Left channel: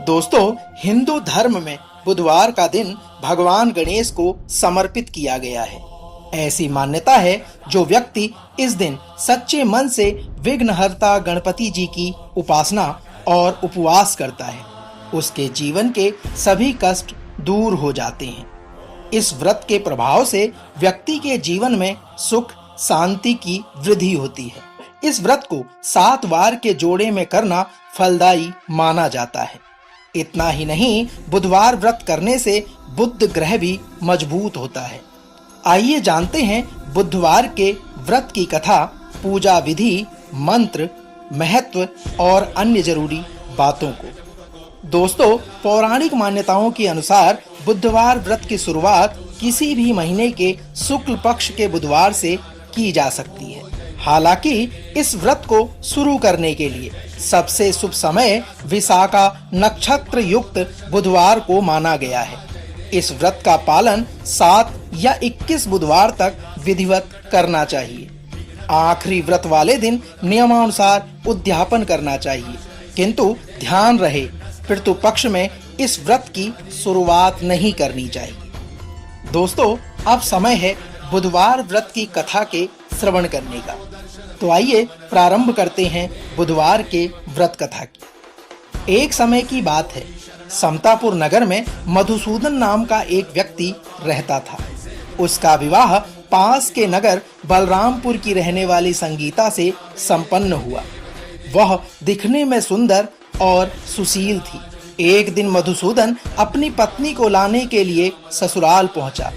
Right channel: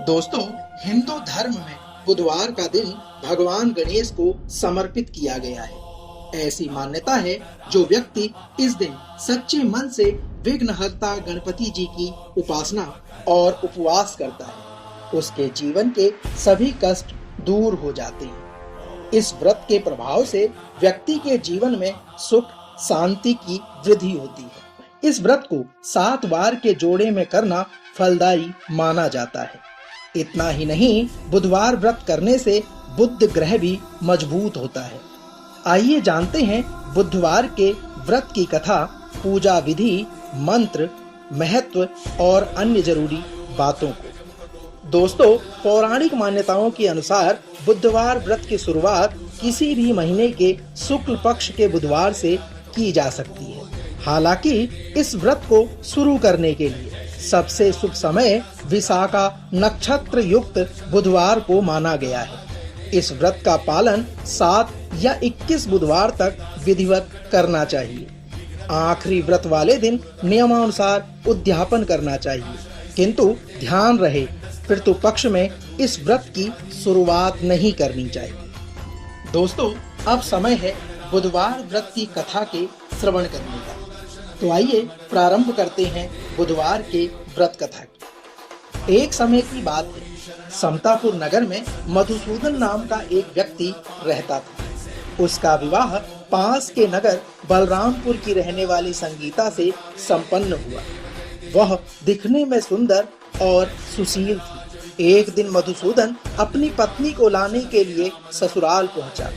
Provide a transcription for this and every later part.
दोस्तों, हिंदू धर्म में बुधवार का दिन भगवान गणेश को समर्पित किया गया है। ऐसी मान्यता है जो व्यक्ति इस दिन सच्चे मन से विघ्नहर्ता गणपति जी की उपासना और उपवास करता है, उसके जीवन के सभी कष्ट दूर हो जाते हैं। इस व्रत के प्रभाव से व्यक्ति के जीवन में सुख शांति की वृद्धि होती है। इस व्रत को 7 बार के जोड़े में करना फलदायी माना जाता है। इतना ही नहीं, बुधवार व्रत करने से बुध ग्रह भी मजबूत होता है। आइए जानते हैं बुधवार के व्रत की कथा, पूजा विधि, मंत्र, महत्व और अन्य जरूरी बातों को। दोस्तों, पौराणिक मान्यताओं के अनुसार बुधवार व्रत की शुरुआत किसी भी महीने के शुक्ल पक्ष के बुधवार से की जा सकती है। हालांकि इस व्रत को शुरू करने के लिए सबसे शुभ समय विशाखा नक्षत्र युक्त बुधवार को माना गया है। इस व्रत का पालन 7 या 21 बुधवार तक विधिवत करना चाहिए। आखिरी व्रत वाले दिन नियमानुसार उद्यापन करना चाहिए, किंतु ध्यान रहे पितृ पक्ष में इस व्रत की शुरुआत नहीं करनी चाहिए। दोस्तों, अब समय है बुधवार व्रत की कथा के श्रवण करने का। तो आइए प्रारंभ करते हैं बुधवार के व्रत कथा की। एक समय की बात है, समतापुर नगर में मधुसूदन नाम का एक व्यक्ति रहता था। उसका विवाह पास के नगर बलरामपुर की रहने वाली संगीता से संपन्न हुआ। वह दिखने में सुंदर और सुशील थी। एक दिन मधुसूदन अपनी पत्नी को लाने के लिए ससुराल पहुंचा।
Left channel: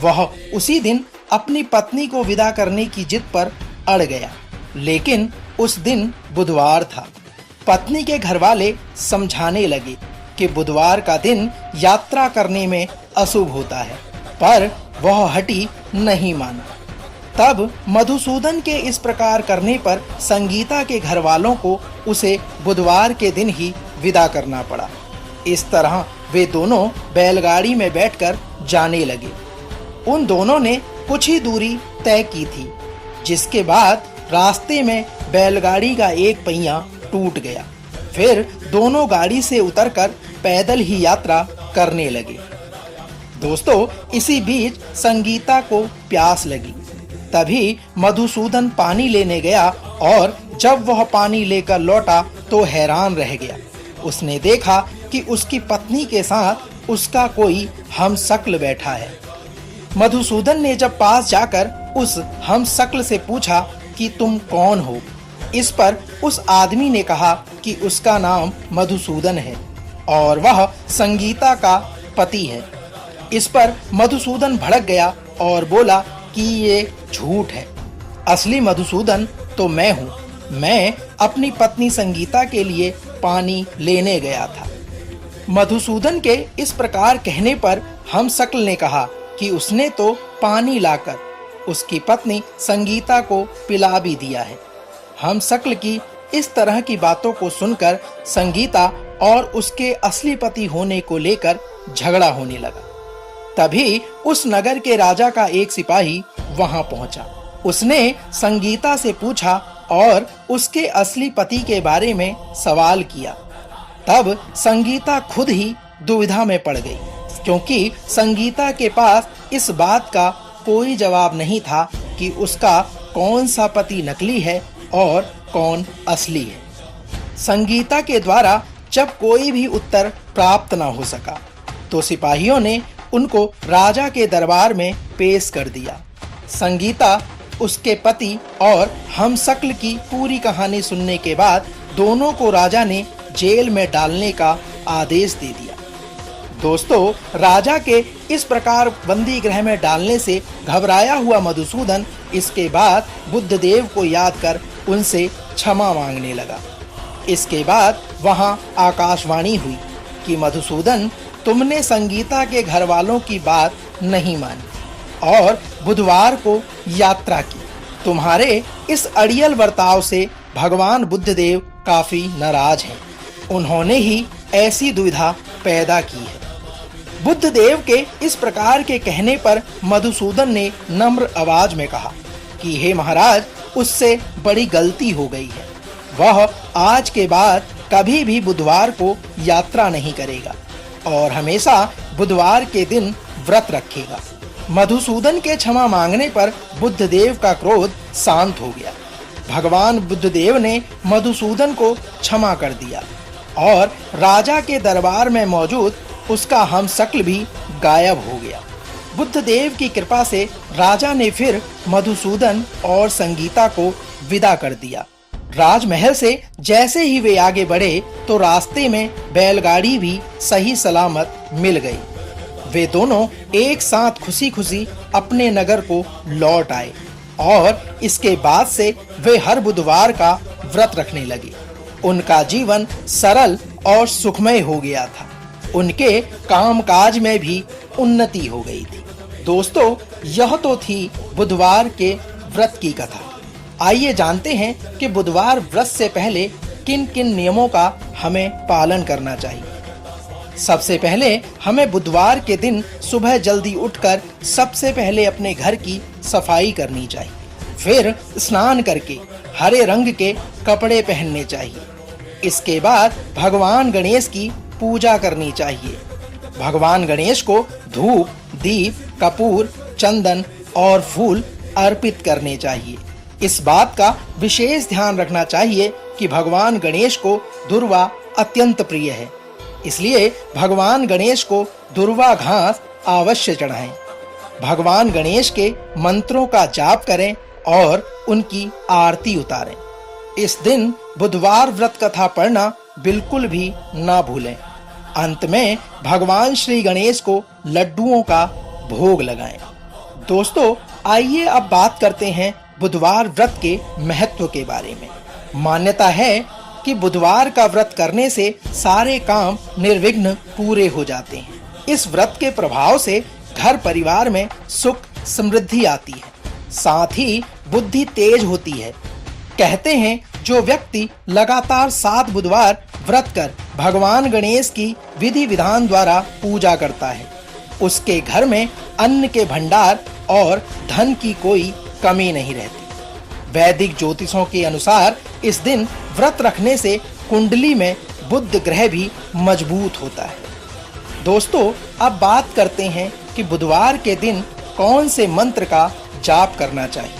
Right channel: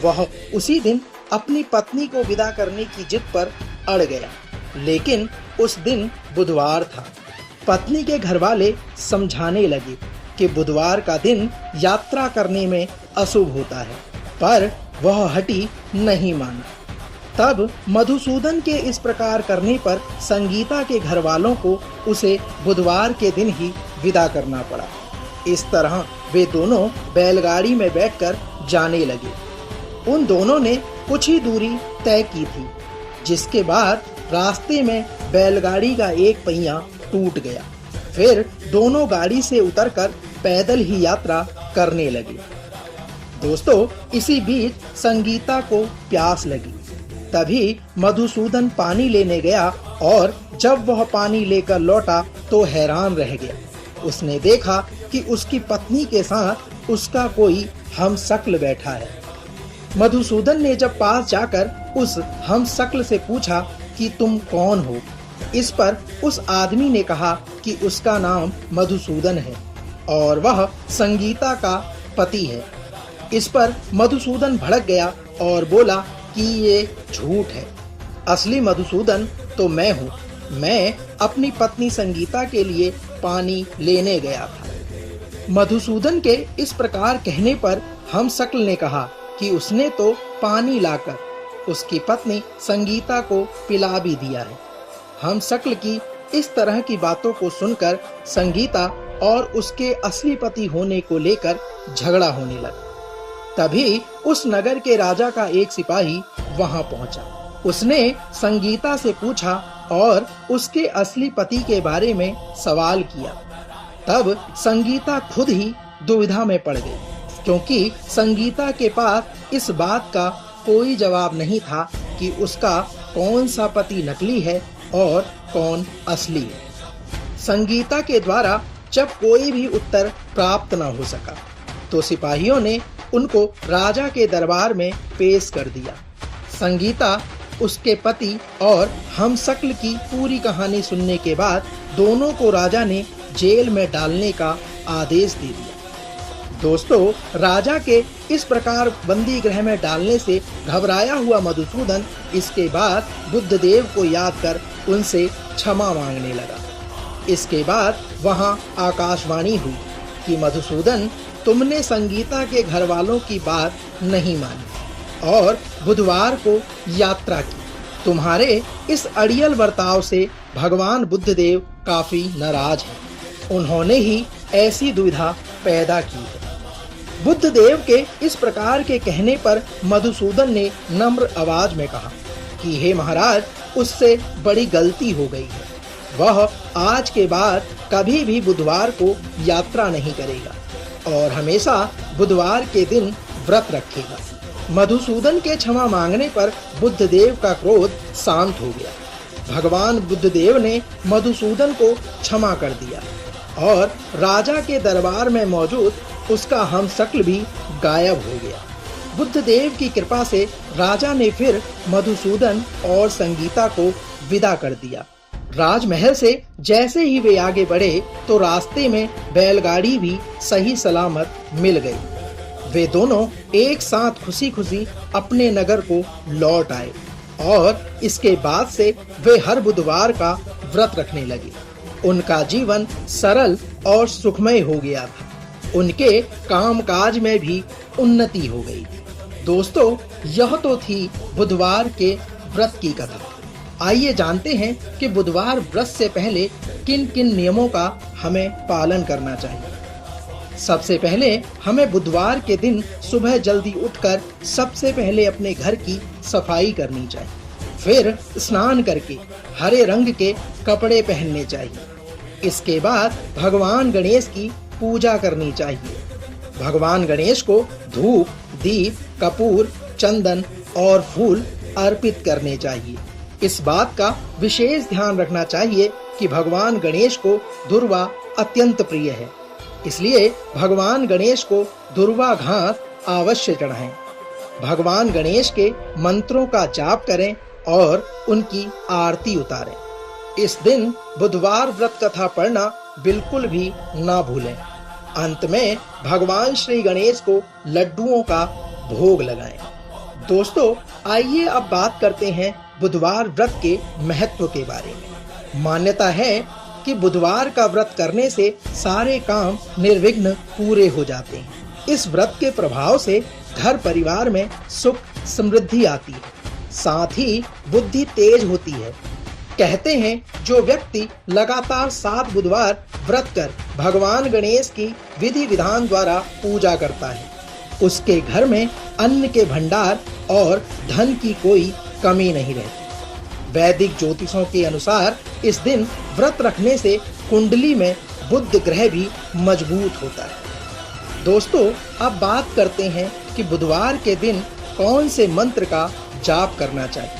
वह उसी दिन अपनी पत्नी को विदा करने की जिद पर अड़ गया, लेकिन उस दिन बुधवार था। पत्नी के घरवाले समझाने लगे कि बुधवार का दिन यात्रा करने में अशुभ होता है, पर वह हटी नहीं माना। तब मधुसूदन के इस प्रकार करने पर संगीता के घरवालों को उसे बुधवार के दिन ही विदा करना पड़ा। इस तरह वे दोनों बैलगाड़ी में बैठकर जाने लगे। उन दोनों ने कुछ ही दूरी तय की थी, जिसके बाद रास्ते में बैलगाड़ी का एक पहिया टूट गया। फिर दोनों गाड़ी से उतरकर पैदल ही यात्रा करने लगे। दोस्तों, इसी बीच संगीता को प्यास लगी। तभी मधुसूदन पानी लेने गया और जब वह पानी लेकर लौटा तो हैरान रह गया। उसने देखा कि उसकी पत्नी के साथ उसका कोई हमशक्ल बैठा है। मधुसूदन ने जब पास जाकर उस हमशक्ल से पूछा कि तुम कौन हो? इस पर उस आदमी ने कहा कि उसका नाम मधुसूदन है और वह संगीता का पति है। इस पर मधुसूदन भड़क गया और बोला कि ये झूठ है। असली मधुसूदन तो मैं हूँ। मैं अपनी पत्नी संगीता के लिए पानी लेने गया था। मधुसूदन के इस प्रकार कहने पर हमशक्ल ने कहा कि उसने तो पानी लाकर उसकी पत्नी संगीता को पिला भी दिया है। हमशक्ल की इस तरह की बातों को सुनकर संगीता और उसके असली पति होने को लेकर झगड़ा होने लगा। तभी उस नगर के राजा का एक सिपाही वहां पहुंचा। उसने संगीता से पूछा और उसके असली पति के बारे में सवाल किया। तब संगीता खुद ही दुविधा में पड़ गई, क्योंकि संगीता के पास इस बात का कोई जवाब नहीं था कि उसका कौन सा पति नकली है और कौन असली है। संगीता के द्वारा जब कोई भी उत्तर प्राप्त न हो सका तो सिपाहियों ने उनको राजा के दरबार में पेश कर दिया। संगीता, उसके पति और हमशक्ल की पूरी कहानी सुनने के बाद दोनों को राजा ने जेल में डालने का आदेश दे दिया। दोस्तों, राजा के इस प्रकार बंदी गृह में डालने से घबराया हुआ मधुसूदन इसके बाद बुद्धदेव को याद कर उनसे क्षमा मांगने लगा। इसके बाद वहां आकाशवाणी हुई कि मधुसूदन, तुमने संगीता के घर वालों की बात नहीं मानी और बुधवार को यात्रा की। तुम्हारे इस अड़ियल बर्ताव से भगवान बुद्धदेव काफी नाराज हैं। उन्होंने ही ऐसी दुविधा पैदा की है। बुद्धदेव के इस प्रकार के कहने पर मधुसूदन ने नम्र आवाज में कहा कि हे महाराज, उससे बड़ी गलती हो गई है। वह आज के बाद कभी भी बुधवार को यात्रा नहीं करेगा और हमेशा बुधवार के दिन व्रत रखेगा। मधुसूदन के क्षमा मांगने पर बुद्धदेव का क्रोध शांत हो गया। भगवान बुद्धदेव ने मधुसूदन को क्षमा कर दिया और राजा के दरबार में मौजूद उसका हमशक्ल भी गायब हो गया। बुद्धदेव की कृपा से राजा ने फिर मधुसूदन और संगीता को विदा कर दिया। राजमहल से जैसे ही वे आगे बढ़े तो रास्ते में बैलगाड़ी भी सही सलामत मिल गई। वे दोनों एक साथ खुशी-खुशी अपने नगर को लौट आए और इसके बाद से वे हर बुधवार का व्रत रखने लगे। उनका जीवन सरल और सुखमय हो गया था। उनके कामकाज में भी उन्नति हो गई थी। दोस्तों, यह तो थी बुधवार के व्रत की कथा। आइए जानते हैं कि बुधवार व्रत से पहले किन-किन नियमों का हमें पालन करना चाहिए। सबसे पहले हमें बुधवार के दिन सुबह जल्दी उठकर सबसे पहले अपने घर की सफाई करनी चाहिए। फिर स्नान करके हरे रंग के कपड़े पहनने चाहिए। इसके बाद भगवान गणेश की पूजा करनी चाहिए। भगवान गणेश को धूप, दीप, कपूर, चंदन और फूल अर्पित करने चाहिए। इस बात का विशेष ध्यान रखना चाहिए कि भगवान गणेश को दुर्वा अत्यंत प्रिय है, इसलिए भगवान गणेश को दुर्वा घास अवश्य चढ़ाएं। भगवान गणेश के मंत्रों का जाप करें और उनकी आरती उतारें। इस दिन बुधवार व्रत कथा पढ़ना बिल्कुल भी ना भूलें। अंत में भगवान श्री गणेश को लड्डुओं का भोग लगाएं। दोस्तों, आइए अब बात करते हैं बुधवार व्रत के महत्व के बारे में। मान्यता है कि बुधवार का व्रत करने से सारे काम निर्विघ्न पूरे हो जाते हैं। इस व्रत के प्रभाव से घर परिवार में सुख समृद्धि आती है, साथ ही बुद्धि तेज होती है। कहते हैं जो व्यक्ति लगातार 7 बुधवार व्रत कर भगवान गणेश की विधि विधान द्वारा पूजा करता है, उसके घर में अन्न के भंडार और धन की कोई कमी नहीं रहती। वैदिक ज्योतिषों के अनुसार इस दिन व्रत रखने से कुंडली में बुध ग्रह भी मजबूत होता है। दोस्तों, अब बात करते हैं कि बुधवार के दिन कौन से मंत्र का जाप करना चाहिए।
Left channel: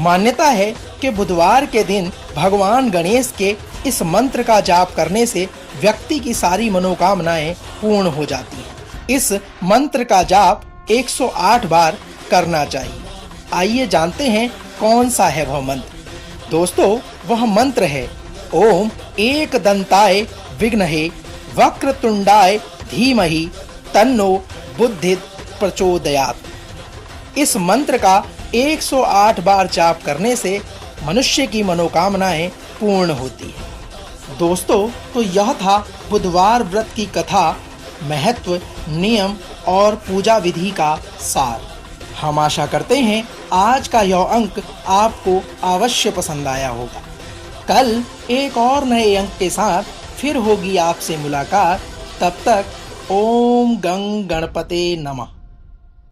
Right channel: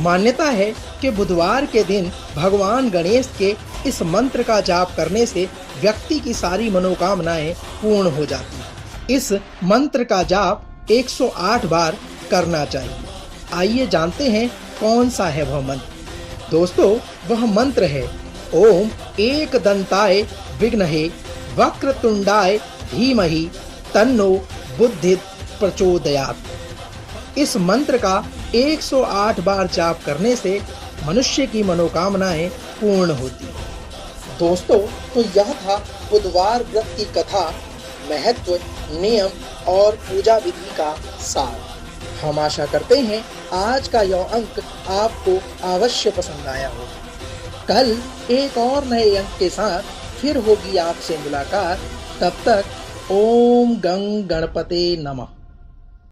मान्यता है कि बुधवार के दिन भगवान गणेश के इस मंत्र का जाप करने से व्यक्ति की सारी मनोकामनाएं पूर्ण हो जाती हैं। इस मंत्र का जाप 108 बार करना चाहिए। आइए जानते हैं कौन सा है वह मंत्र। दोस्तों, वह मंत्र है ओम एकदंताय विघ्नहे वक्रतुंडाय धीमहि तन्नो बुद्धिः प्रचोदयात्। इस मंत्र का 108 बार जाप करने से मनुष्य की मनोकामनाएं पूर्ण होती हैं। दोस्तों, तो यह था बुधवार व्रत की कथा, महत्व, नियम और पूजा विधि का सार। हम आशा करते हैं आज का यह अंक आपको अवश्य पसंद आया होगा। कल एक और नए अंक के साथ फिर होगी आपसे मुलाकात। तब तक ओम गं गणपते नमः।